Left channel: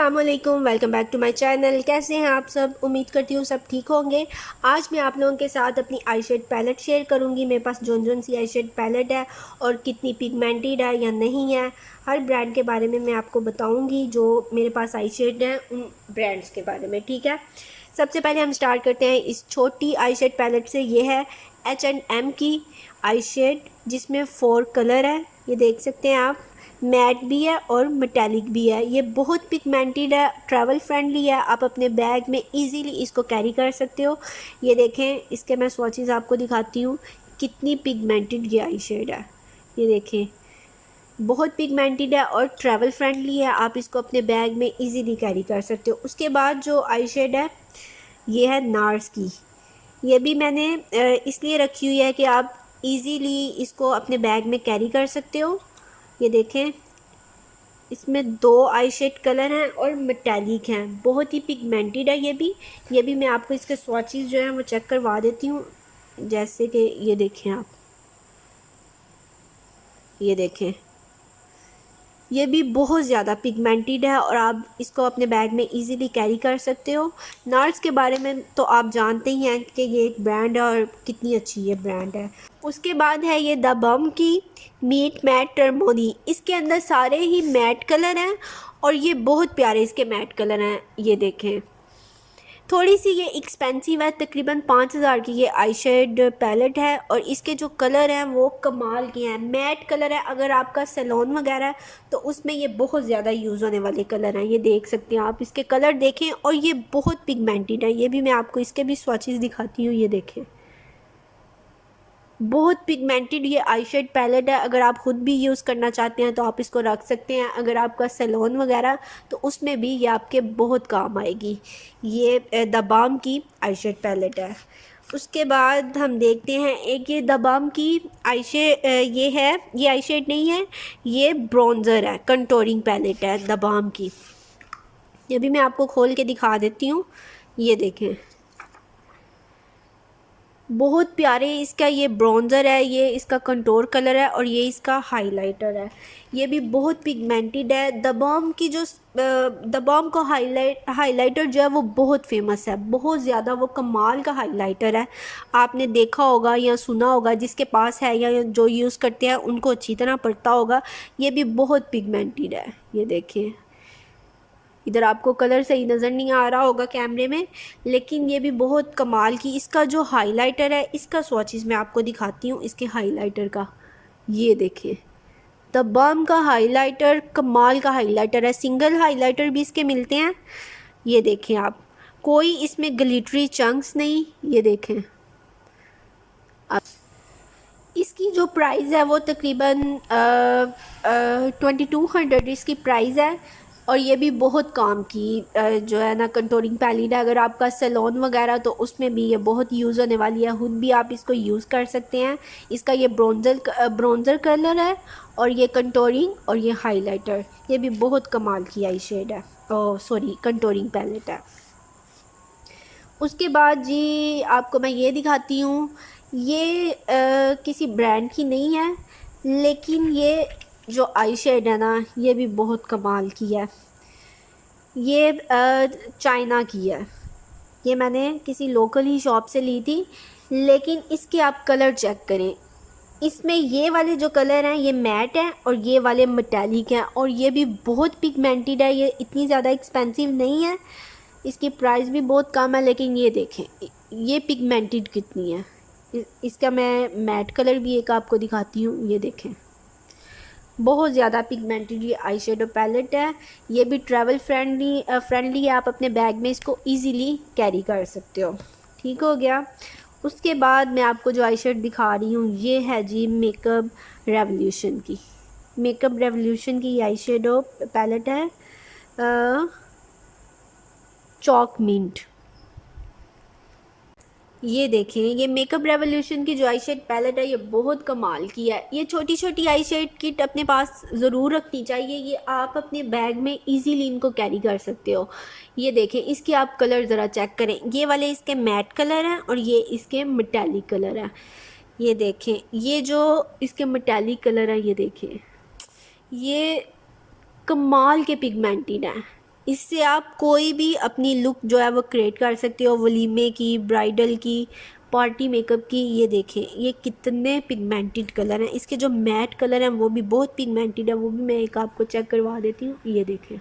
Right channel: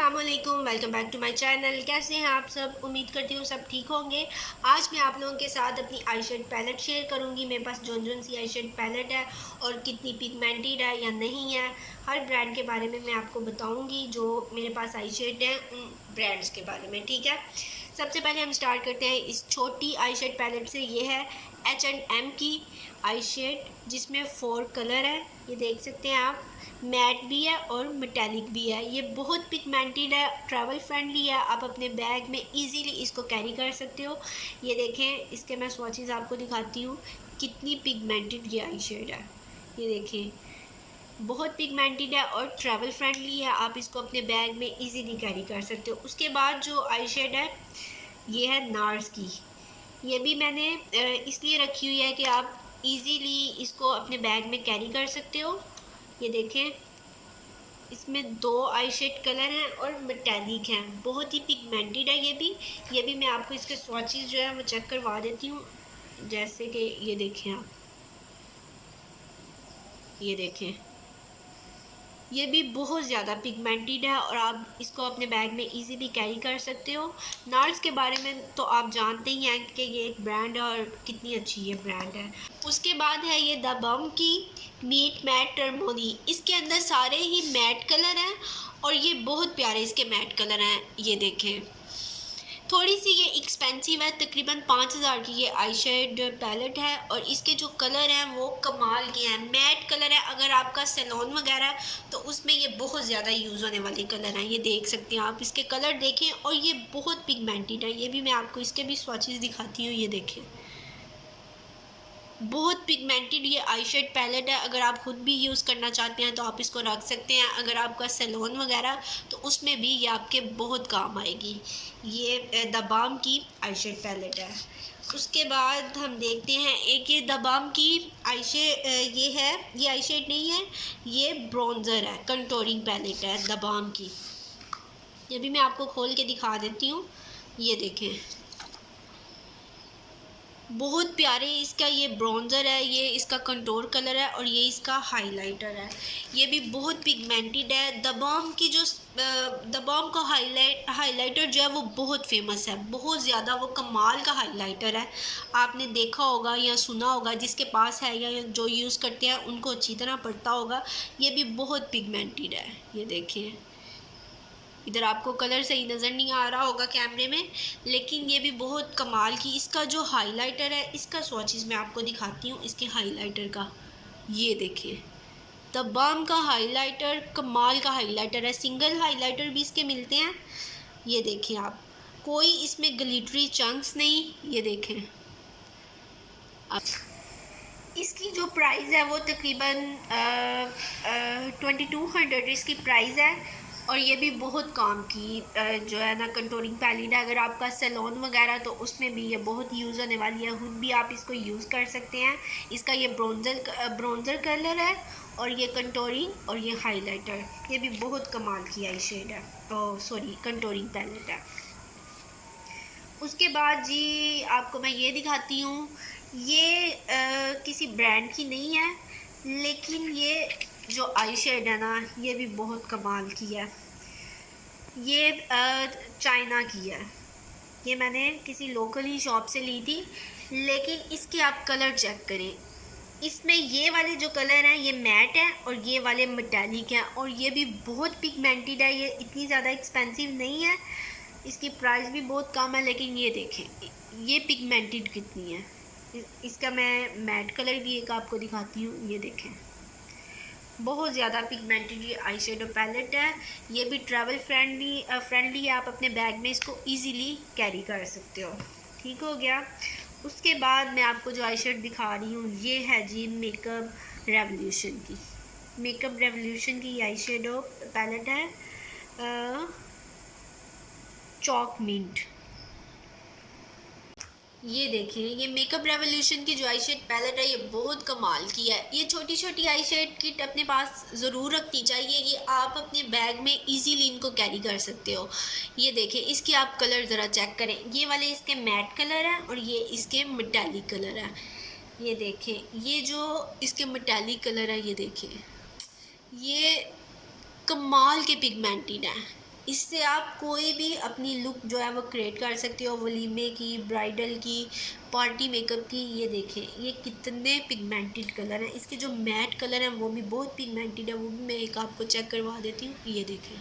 अस्सलाम वालेकुम, welcome back to my channel. कैसे हैं आप सब? उम्मीद करती हूँ सब ठीक होंगे। आज मैं आप लोगों के साथ अपनी आई शेड पैलेट शेयर करूँगी। मेरे पास जोन सी आई शेड पैलेट है और कितनी पिगमेंटेड है या नहीं है, हर ब्रांड के बारे में मैं आपको बताऊँगी। जो मेरे पास आई शेड है उन ब्रांड्स के बारे में, ठीक है। सबसे पहले हम स्टार्ट करते हैं इस छोटी आई शेड पैलेट से। ये है H&M की आई शेड, जिसमें 4 कलर है। ये देख सकते हैं आप, मैट भी है और मेटालिक भी है। ये बहुत पिगमेंटेड है, ट्रैवल फ्रेंडली है। आप अपने बैग में इजीली इसको कैरी कर सकते हो। ये देखें, इसके मैं स्वॉचेस आपको दिखाती हूँ कितनी पिगमेंटेड ये आई शेड है। ये देखें, बहुत पिगमेंटेड है और ट्रैवल फ्रेंडली है। आप इसको अपने बैग में इजीली कैरी कर सकते हो। उसके बाद जो आई शेड है ये है नार्स की। ये भी मैंने इसलिए रखी हुई है कि आप इजीली इसको अपने बैग में कैरी कर सकते हो। ये देखें, इसमें 2 आई शेड कलर हैं और मेटालिक हैं, बहुत ही पिगमेंटेड है ये भी मैं आपको इसके स्वॉचेस जो हैं वो चेक करवा देती हूँ। जैसे कि ये देखें आप, ये देखें, ये भी बहुत ज़्यादा पिगमेंटेड है और आप इसको अपने बैग में इजीली कैरी कर सकते हो। नार्स के बारे में तो आप जानते ही हैं कि ये एक ब्रांड है और कितनी अच्छी ये ब्रांड है। उसके बाद है ये द बम की मीट मैट टर्मोनी। इसके अंदर सारे ही मैट कलर हैं और ये बहुत प्यारे इसके मैट कलर हैं। ये देखें, थोड़ी सी ये एक्सपेंसिव है, तकरीबन 5000 की ये आई शेड पैलेट है और इसके जो कलर हैं वो कमाल के हैं। मैट कलर है, अगर आपका सैलून वगैरह है तो उसमें ये बहुत ज़्यादा यूज़ होने वाले कलर हैं। ये देख सकते हैं आप, इसके कलर देखें और ये बहुत पिगमेंटेड है। ये भी मैं आपको इसके भी स्वॉचेस दिखाती हूँ। ये देखें, बहुत पिगमेंटेड ये आई शेड पैलेट है। अगर आप ख़ुद भी यूज़ करना चाहते हैं तो आप इसको रख सकते हैं। अगर आपका सैलून वगैरह तो उसमें भी ये आपके बहुत काम आएगी। ये द बाम की आई शेड पैलेट है। उसके बाद हम देखते हैं एक ये द बाम की आई शेड, ये है, ये आई शेड नहीं है, ये ब्रॉन्ज़र है, कंटूरिंग पैलेट है द बाम की। ये भी मैं आपको खोल के दिखा देती हूँ। ये देखें, बहुत प्यारे इसका ये ब्रॉन्ज़र है, ये इसका कंटूर कलर है और ये इसका हाइलाइटर है। ये भी बहुत पिगमेंटेड है। द बॉम की जो द बॉम का हाइलाइटर जो है वो बहुत फेमस है, बहुत ज़्यादा वो कमाल का हाइलाइटर है। आपने देखा होगा या सुना होगा, जिसके पास है या जो यूज़ करते हैं उनको अच्छी तरह पता होगा। ये भी बहुत पिगमेंटेड है। ये देखिए, इधर आपको कलर सही नज़र नहीं आ रहा होगा कैमरे में, लेकिन ये भी बहुत कमाल की इसका जो हाइलाइटर है, इसका स्वॉचेस मैं आपको दिखाती हूँ इसके हाइलाइटर का। ये देखिए, द बम का हाइलाइटर कमाल का हाइलाइटर है। सिंगल हाइलाइटर भी इसके मिलते हैं। ये देखें आप, कोई इसमें ग्लिटरी चंक्स नहीं। ये देखें, अब इसकी जो प्राइस है वो तकरीबन 2200 इसकी प्राइस है और ये भी बहुत काम की जो है ना कंटूरिंग पैलेट है। अगर आपका सैलून वगैरह तो उसमें भी ये बहुत यूज़ होने वाली है। खुद भी आप इसको यूज़ कर सकते हैं। इसका ये ब्रोंज़र कलर है और ये कंटूरिंग और ये हाइलाइटर, ये भी बहुत कमाल की आई शेड है, ओह सॉरी, कंटूरिंग पैलेट है। उसके बाद जी आपको मैं ये दिखाती हूँ, ये किसी ब्रांड की नहीं है, लेकिन ये जो आई शेड है ना ये भी बहुत कमाल की है। ये चाइना की है। ये मैंने किसी लोकल ही शॉप से ली थी, लेकिन इसके आप कलर चेक करें। इसमें ये वाले जो कलर हैं ये मैट हैं और ये वाले मेटालिक हैं और ये भी बहुत पिगमेंटेड है। ये इतनी ज़्यादा एक्सपेंसिव नहीं है, इसकी प्राइस भी बहुत कम है, लेकिन ये देखें ये पिगमेंटेड कितनी है। इसका मैं मैट कलर भी एक आपको दिखाती हूँ। ये देखें, बहुत ज़्यादा पिगमेंटेड ये आई शेडो पैलेट है। ये भी ट्रैवल फ्रेंडली है। आप अपने बैग में इसको इजीली कैरी कर सकते हो। ठीक हो गया। उसके बाद मैं आपको जो आई शेड दिखा रही हूँ ये है जी मेकअप रेवोल्यूशन की। मेकअप रेवोल्यूशन की आई शेडो पैलेट है, चॉक मिंट। ये देखें, ये मेकअप रेवोल्यूशन की जो आई शेड पैलेट है ये बहुत कमाल की है। ये छोटी छोटी आई शेड किट अपने पास ज़रूर रखनी चाहिए। ये आप अपने बैग में इजीली इनको कैरी कर सकते हो। ये देखें, इसके आप कलर ज़रा चेक करें। ये वाले इसके मैट कलर हैं और ये इसके मेटालिक कलर हैं। ये देखें, ये जो इसके मेटालिक कलर हैं, ये देखें, ये कमाल के पिगमेंटेड हैं। इससे आप कोई भी अपनी लुक जो है वो क्रिएट कर सकते हो, वलीमे की, ब्राइडल की, पार्टी मेकअप की। ये देखें ये कितने पिगमेंटेड कलर हैं, इसके जो मैट कलर हैं वो भी बहुत पिगमेंटेड है, वो भी मैं एक आपको चेक करवा देती हूँ। ये देखें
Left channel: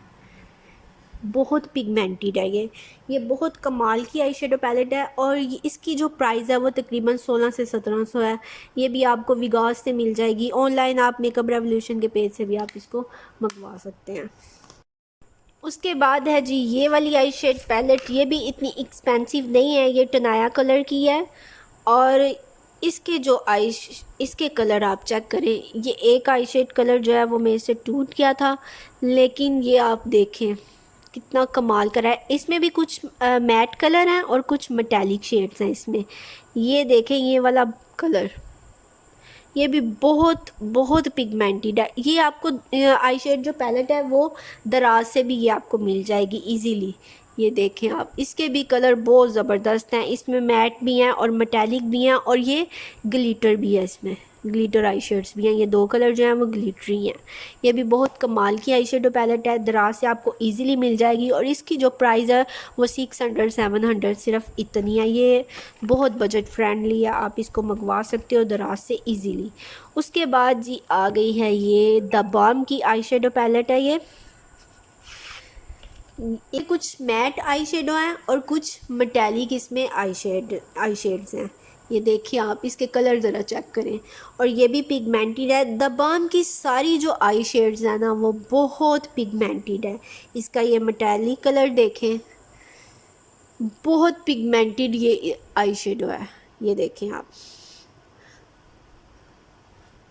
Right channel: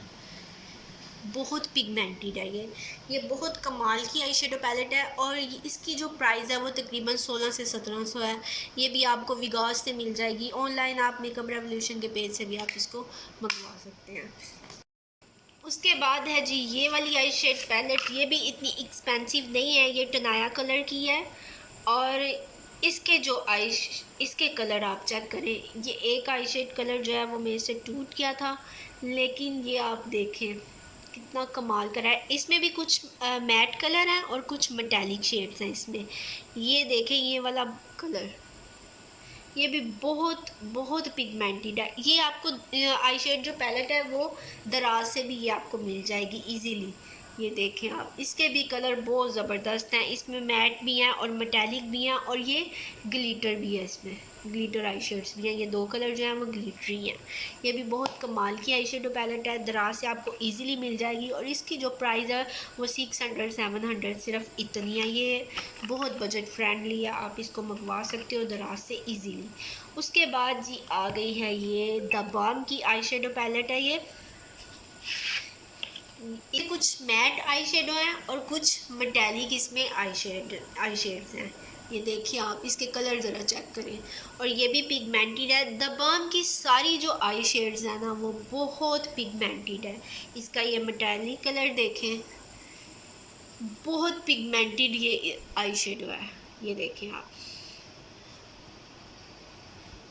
बहुत पिगमेंटेड है ये बहुत कमाल की आई शेडो पैलेट है। और इसकी जो प्राइस है वो तकरीबन 16 से 1700 है। ये भी आपको विगास से मिल जाएगी, ऑनलाइन आप मेकअप रेवोल्यूशन के पेज से भी आप इसको मंगवा सकते हैं। उसके बाद है जी ये वाली आई शेड पैलेट, ये भी इतनी एक्सपेंसिव नहीं है, ये टनाया कलर की है। और इसके जो इसके कलर आप चेक करें, ये एक आई शेड कलर जो है वो मेरे से टूट गया था, लेकिन ये आप देखें कितना कमाल का है। इसमें भी कुछ मैट कलर हैं और कुछ मेटालिक शेड्स हैं इसमें। ये देखें ये वाला कलर, ये भी बहुत बहुत पिगमेंटेड है। ये आपको आई शेड जो पैलेट है वो दराज से भी ये आपको मिल जाएगी इजीली। ये देखें आप, इसके भी कलर बहुत ज़बरदस्त हैं, इसमें मैट भी हैं और मेटालिक भी हैं और ये ग्लिटर भी है, इसमें ग्लिटर आई शेड्स भी हैं। ये दो कलर जो हैं वो ग्लिटरी हैं। ये भी बहुत कमाल की आई शेडो पैलेट है, दराज से आपको इजीली मिल जाएगी और इसकी जो प्राइस है वो 600-700 सिर्फ इतनी है। ये बहुत बजट फ्रेंडली है, आप इसको मंगवा सकते हो दराज से इजीली। उसके बाद जी आ गई है ये द बाम की आई शेडो पैलेट है। ये कुछ मैट आई शेडो हैं और कुछ मेटालिक इसमें आई शेड्स हैं। ये देखिए आप इसके कलर ज़रा चेक करें, और ये भी पिगमेंटेड है। द बाम की सारी जो आई शेड्स हैं ना वो बहुत पिगमेंटेड है। इसका ये मेटालिक कलर देखें, बहुत पिगमेंटेड ये आई शेडो है। ये देखें आप,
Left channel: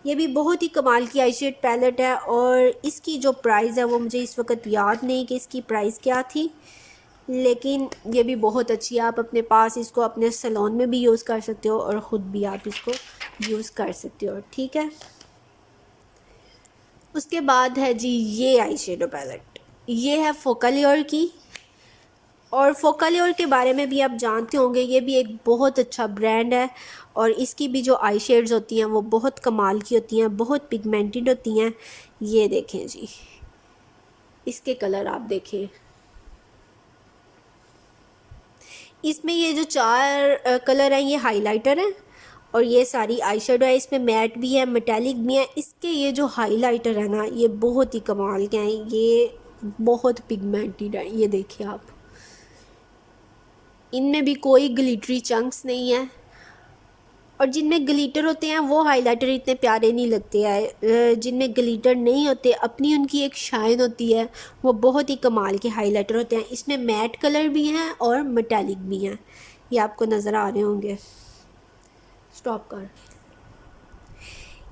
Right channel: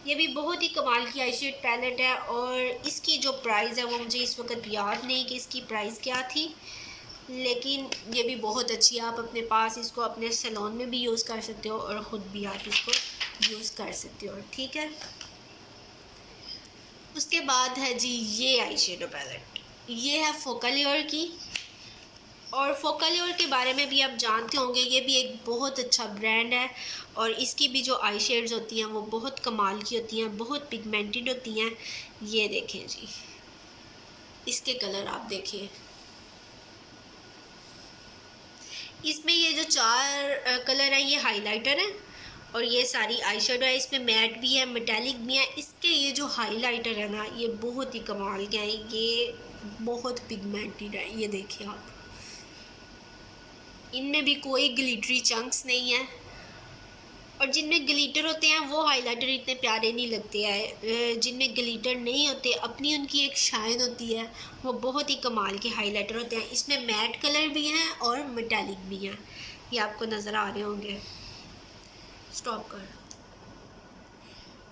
ये भी बहुत ही कमाल की आई शेड पैलेट है। और इसकी जो प्राइस है वो मुझे इस वक्त याद नहीं कि इसकी प्राइस क्या थी, लेकिन ये भी बहुत अच्छी है। आप अपने पास इसको अपने सैलून में भी यूज़ कर सकते हो और ख़ुद भी आप इसको यूज़ कर सकते हो, ठीक है। उसके बाद है जी ये आई शेडो पैलेट, ये है फोकलियोर की। और फोकलियोर के बारे में भी आप जानते होंगे, ये भी एक बहुत अच्छा ब्रांड है और इसकी भी जो आई शेड्स होती हैं वो बहुत कमाल की होती हैं, बहुत पिगमेंटेड होती हैं। ये देखें जी इसके कलर आप देखें, इसमें ये जो 4 कलर है ये हाइलाइटर है और ये सारी आई शेडो है। इसमें मैट भी है, मेटालिक भी है। इसके ये जो हाइलाइटर है ना ये बहुत ही कमाल के हैं, ये बहुत पिगमेंटेड है। ये देखिए आप, इनमें भी कोई ग्लिटरी चंक्स नहीं है और जिनमें ग्लिटर होते हैं वो हाइलाइटर इतने प्यारे नहीं लगते हैं। जिनमें ग्लिटर नहीं होते अपनी उनकी एक शाइन होती है, वो बहुत ही कमाल के हाइलाइटर होते हैं। इसमें मैट कलर भी हैं और मेटालिक भी हैं, ये आपको नज़र आ रहे होंगे। स्टॉप कर,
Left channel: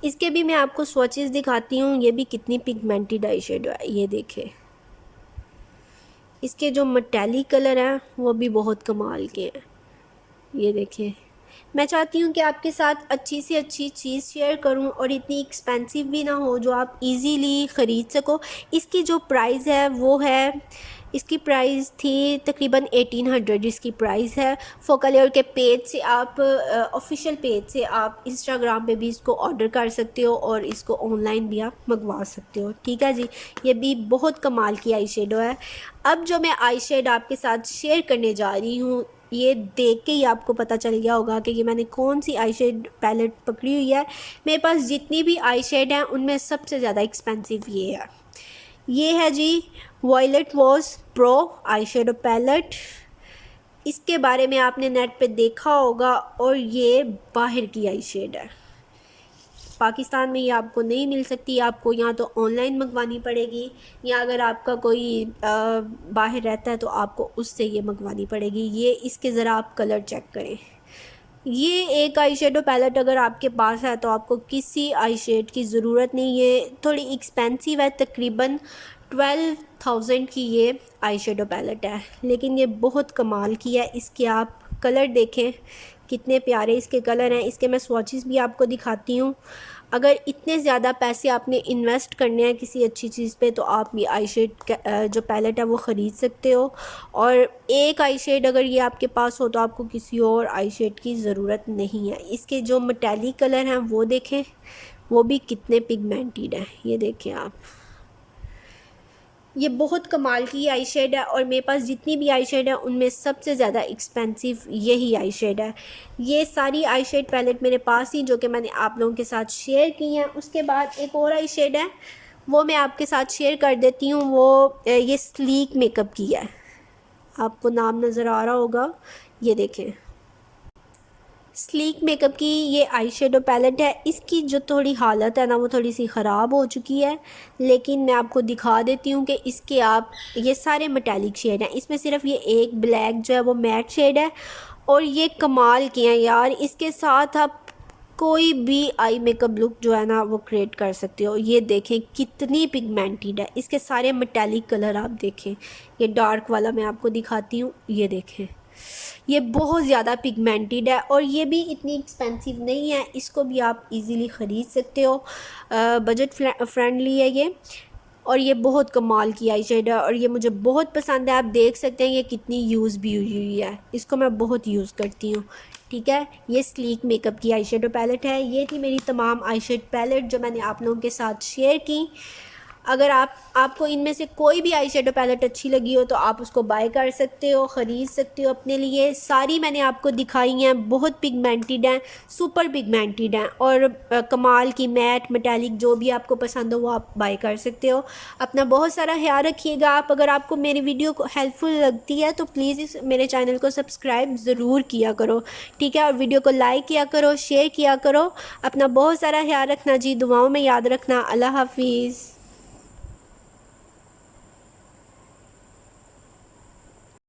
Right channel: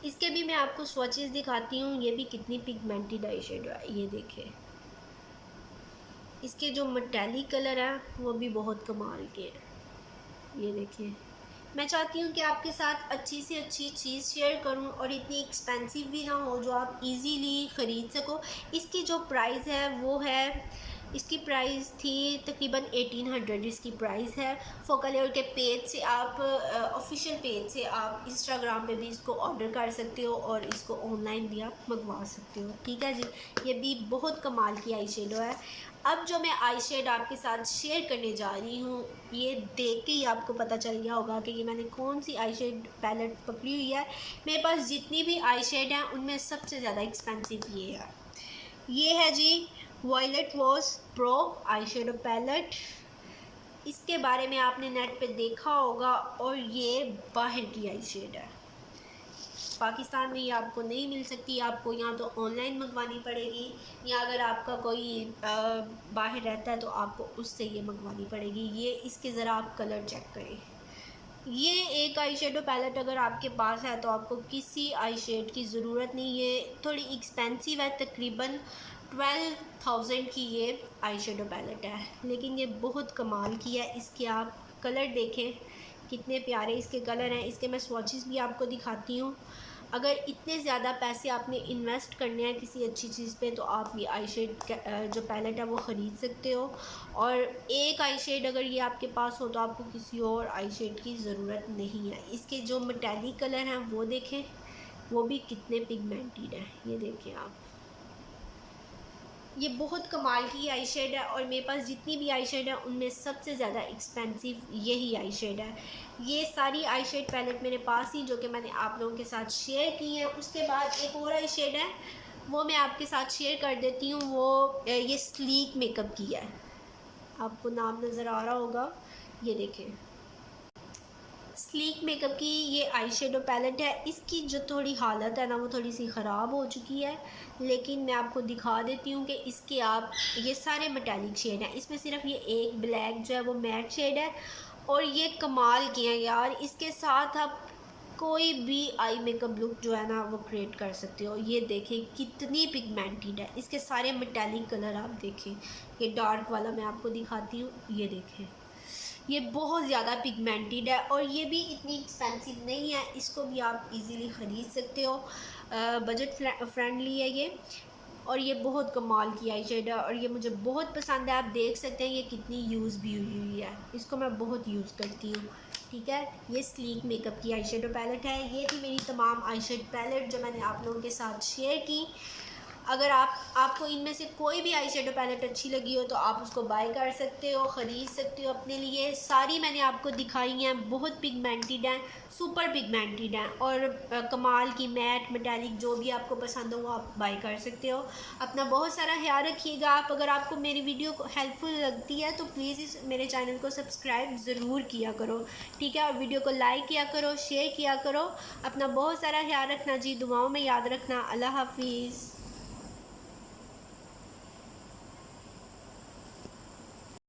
इसके भी मैं आपको स्वॉचेस दिखाती हूँ। ये भी कितनी पिगमेंटेड आई शेडो है, ये देखें। इसके जो मेटालिक कलर हैं वो भी बहुत कमाल के हैं। ये देखें, मैं चाहती हूँ कि आपके साथ अच्छी से अच्छी चीज़ शेयर करूँ और इतनी एक्सपेंसिव भी ना हो जो आप इजीली ख़रीद सको। इसकी जो प्राइस है वो है, इसकी प्राइस थी तकरीबन 1800 इसकी प्राइस है। फोकलियोर के पेज से आप ऑफिशियल पेज से आप इंस्टाग्राम पे भी इसको ऑर्डर कर सकते हो और इसको ऑनलाइन भी आप मंगवा सकते हो, ठीक है जी। ये भी बहुत कमाल की आई शेडो है। अब जो मैं आई शेड आपके साथ शेयर करने जा रही हूँ, ये देख के ही आपको पता चल गया होगा कि ये मैंने कौन सी आई शेड पैलेट पकड़ी हुई है। मेरे पास जितनी भी आई शेड हैं उनमें सबसे ज़्यादा एक्सपेंसिव ये है जी Violet Voss pro eyeshadow palette. इसके बारे में आपने नेट पे देखा होगा और ये बाहर की आई शेड है। पाकिस्तान में ये आपको नहीं मिल सकती, आपको यहाँ तो ऑनलाइन मंगवानी पड़ेगी, या अगर आपका कोई बाहर रहता है तो आपको उससे ये मंगवानी पड़ेगी। ये इसके ज़रा आप कलर चेक करें। ये एक आई शेडो पैलेट अगर आपके पास है तो आपको किसी आई शेड की ज़रूरत नहीं है। थोड़ी एक्सपेंसिव है, तकरीबन 12,000 की ये आई शेडो पैलेट है, लेकिन ये बहुत कमाल की है। इसके आप कलर देखें कितने प्यारे इसके कलर हैं। इसके मैं स्वॉचेस भी आपको दिखाती हूँ। अगर इतने ज़्यादा पैसे आपने इन्वेस्ट करने हैं किसी अच्छी चीज़ पे तो आप ये आई शेड जो पैलेट है वो ख़रीद सकते हो। और एक आई शेड अगर ये आपके पास हो तो आपको किसी और आई शेड की ज़रूरत नहीं है। इसके जो मेटालिक कलर हैं वो देखें, वो भी कितने पिगमेंटेड हैं। ये देखें आप, ये बहुत कमाल की आई शेड है और मेरे पास जितनी भी आई शेड है उनमें सबसे ज़्यादा एक्सपेंसिव यही आई शेड है। ये सारी आई शेड पैलेट मेरे पास ही जो कि मैंने आप लोगों के साथ शेयर की हैं। उसके बाद एक और आई शेड है, वो मैं आपके साथ शेयर कर देती हूँ। वो ये स्लीक मेकअप की है, आपको नाम नज़र आ रहा होगा, ये देखें, स्लीक मेकअप की ये आई शेडो पैलेट है। इसकी जो थोड़ी हालत है ना वो थोड़ी सी ख़राब हो चुकी है, लेकिन मैं आपको दिखा देती हूँ कि इसके आप ये सारे मेटालिक शेड हैं, इसमें सिर्फ ये एक ब्लैक जो है वो मैट शेड है और ये कमाल के हैं यार। इसके साथ आप कोई भी आई मेकअप लुक जो है ना वो क्रिएट कर सकते हो। ये देखें कितनी पिगमेंटेड है, इसके सारे मेटालिक कलर आप देखें। ये डार्क वाला मैं आपको दिखाती हूँ, ये देखें, ये बहुत ज़्यादा पिगमेंटेड है और ये भी इतनी एक्सपेंसिव नहीं है, इसको भी आप इजीली ख़रीद सकते हो। बजट फ्रेंडली है ये और ये बहुत कमाल की आई शेड है और ये मुझे बहुत पसंद है। आप देख सकते हैं ये कितनी यूज़ भी हुई है, इसको मैं बहुत यूज़ करती हूँ। ठीक है, ये स्लीक मेकअप की आई शेडो पैलेट है। ये थी मेरी तमाम आई शेड पैलेट जो मैंने आप लोगों के साथ शेयर की। अगर आपको इनमें से कोई भी आई शेडो पैलेट अच्छी लगी हो तो आप उसको बाय कर सकते हो, ख़रीद सकते हो अपने लिए। सारी मैंने आपको दिखाई हैं, बहुत पिगमेंटेड हैं, सुपर पिगमेंटेड हैं और कमाल की मैट मेटालिक जो भी आपको पसंद हो वो आप बाय कर सकते हो। अपना बहुत सारा ख्याल रखिएगा आप। अगर आपको मेरी वीडियो हेल्पफुल लगती है तो प्लीज़ इस मेरे चैनल को सब्सक्राइब ज़रूर किया करो, ठीक है, और वीडियो को लाइक किया करो, शेयर किया करो। अपना बहुत सारा ख्याल रखना जी, दुआओं में याद रखना। अल्लाह हाफिज़।